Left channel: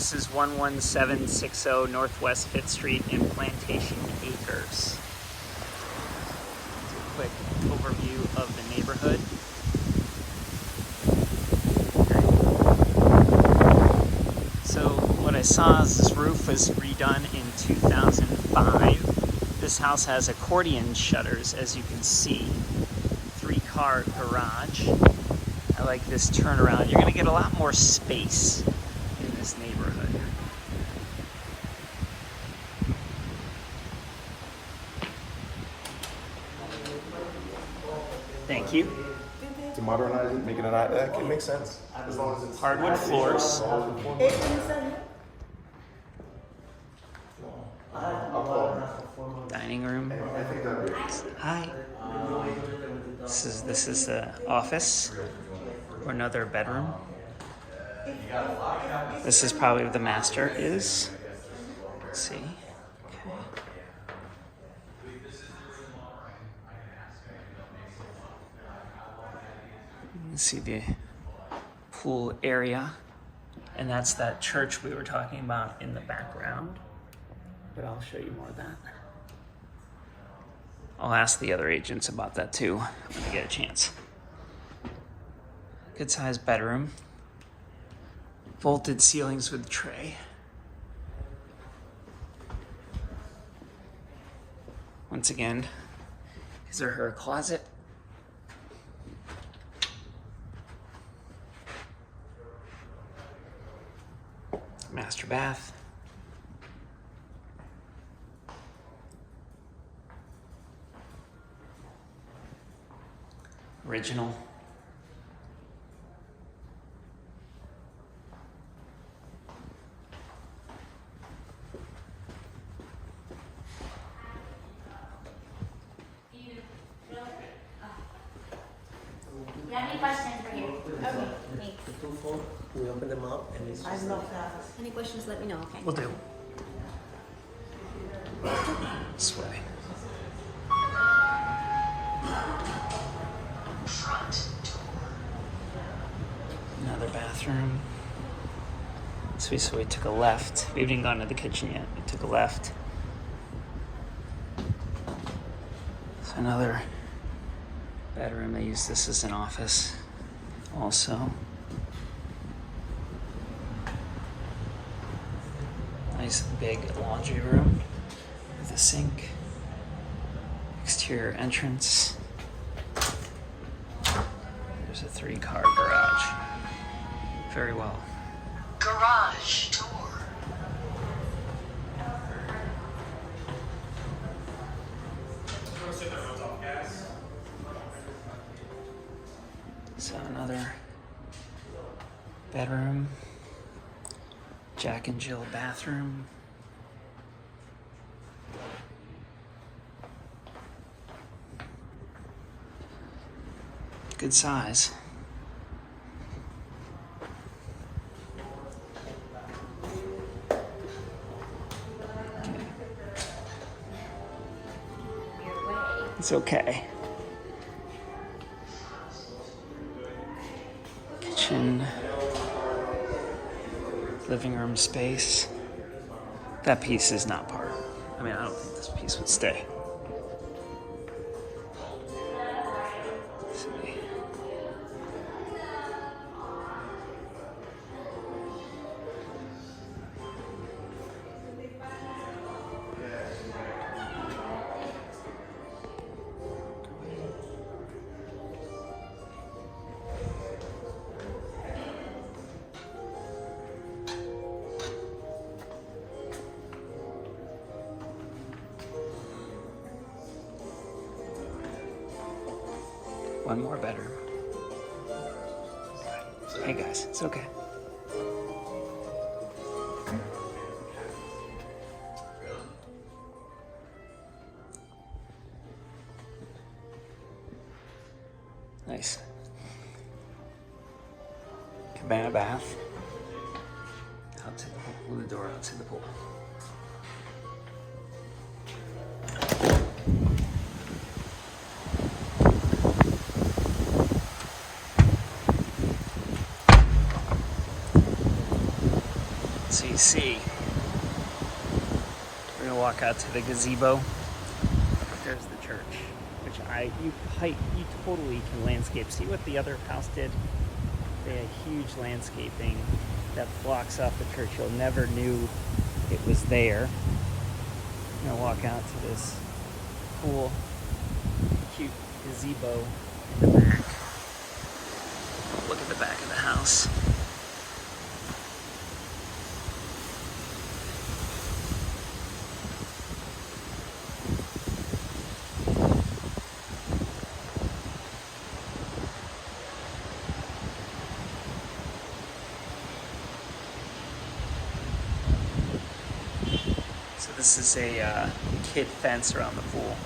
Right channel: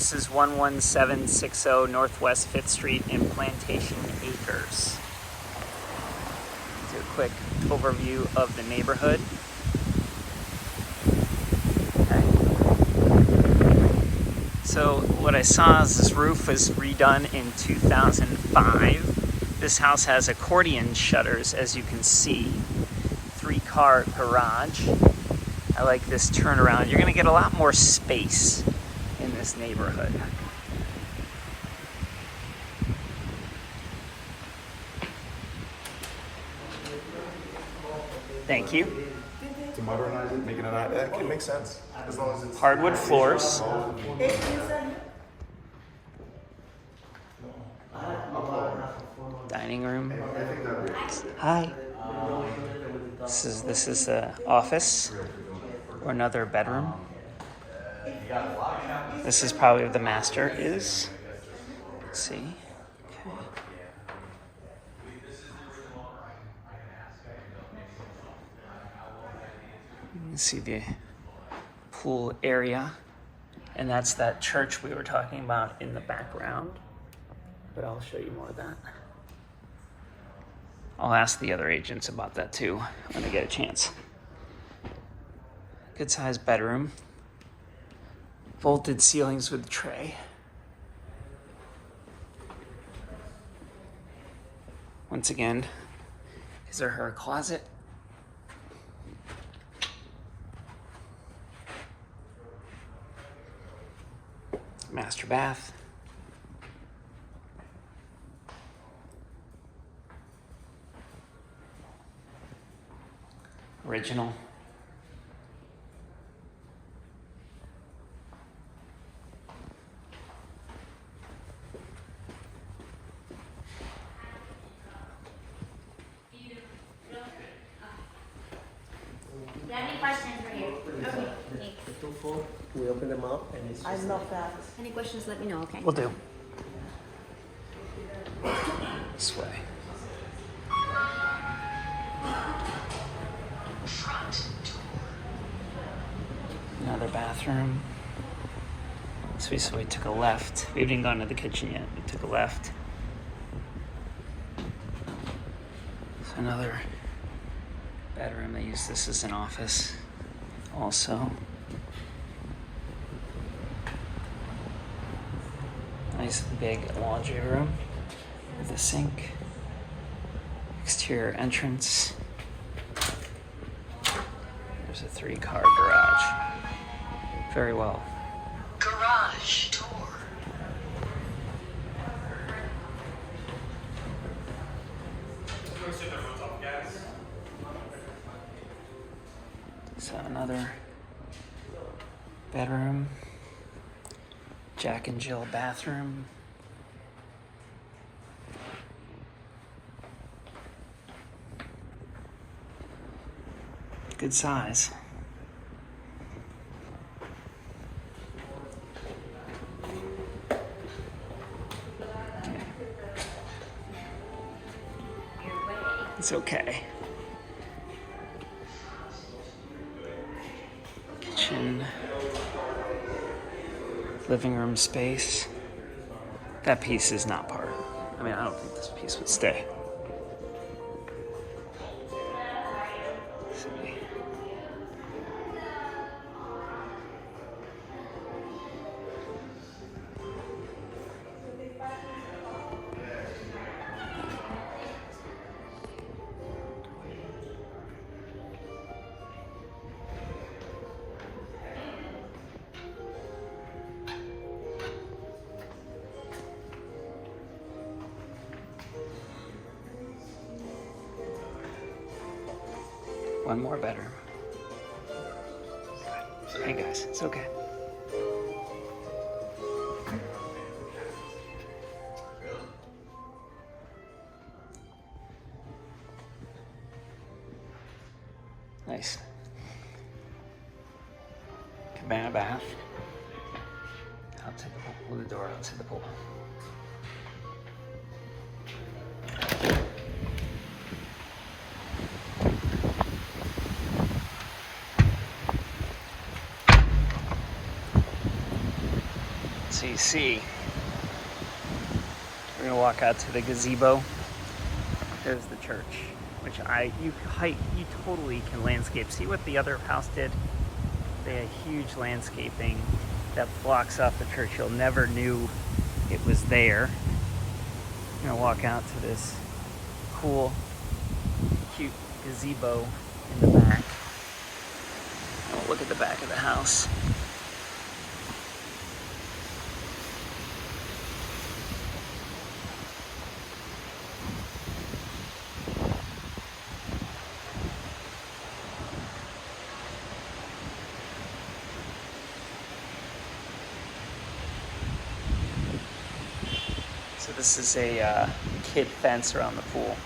This is 11760 Northwest 5th Street in Plantation Acres. Do a quick overview of the neighborhood. Okay. So what I saw is this roof was redone in 2005. This house has accordion shutters, as you can see. 3-car garage. I like this turnaround. You're going to get a lot more space in this neighborhood. Thank you. To modernize it, making it makes sense. As long as it's Hardwood floors. Dining room. Hi. This is the office or another bedroom. This is probably where the master is. Let's see. Okay. You can see the pool area, and that's that church we were talking about in the background. But I'll show you more of that. I'll ask the other agents about that too when I get a chance. Good sized bedroom. Vaulted ceilings with tray. Once again, his or her closet. Master bath. Original. Do you have any questions for you? Okay. The 2-4, we open them up and it's just Any questions, let me know, okay? Will do. This way. Another bathroom. So we took a left. We haven't even gone to the kitchen yet. We took a left. So another bedroom. They use this as an office also. Nice big laundry room with a sink. Exterior entrance. There's a 3-car garage. Very well. Garage door. So another bedroom. Jack and Jill bathroom. Good size. It's okay. Kitchen. Living room space. That piece is not part. I mean, I don't think this piece would stay. Let's see. One more bedroom. Hey guys, it's okay. Nice. Cabana bath. Out to the pool, the door out to the pool. So you see, we're gonna walk out to the gazebo. There's the church, which you totally can landscape. See what the other house did? They had huge landscaping that blocks off the church. You'll never knew it was there. I'm gonna walk out to this cool, cute gazebo in the back. And we'll look at the back of the house. So this is a kid fence around the pool.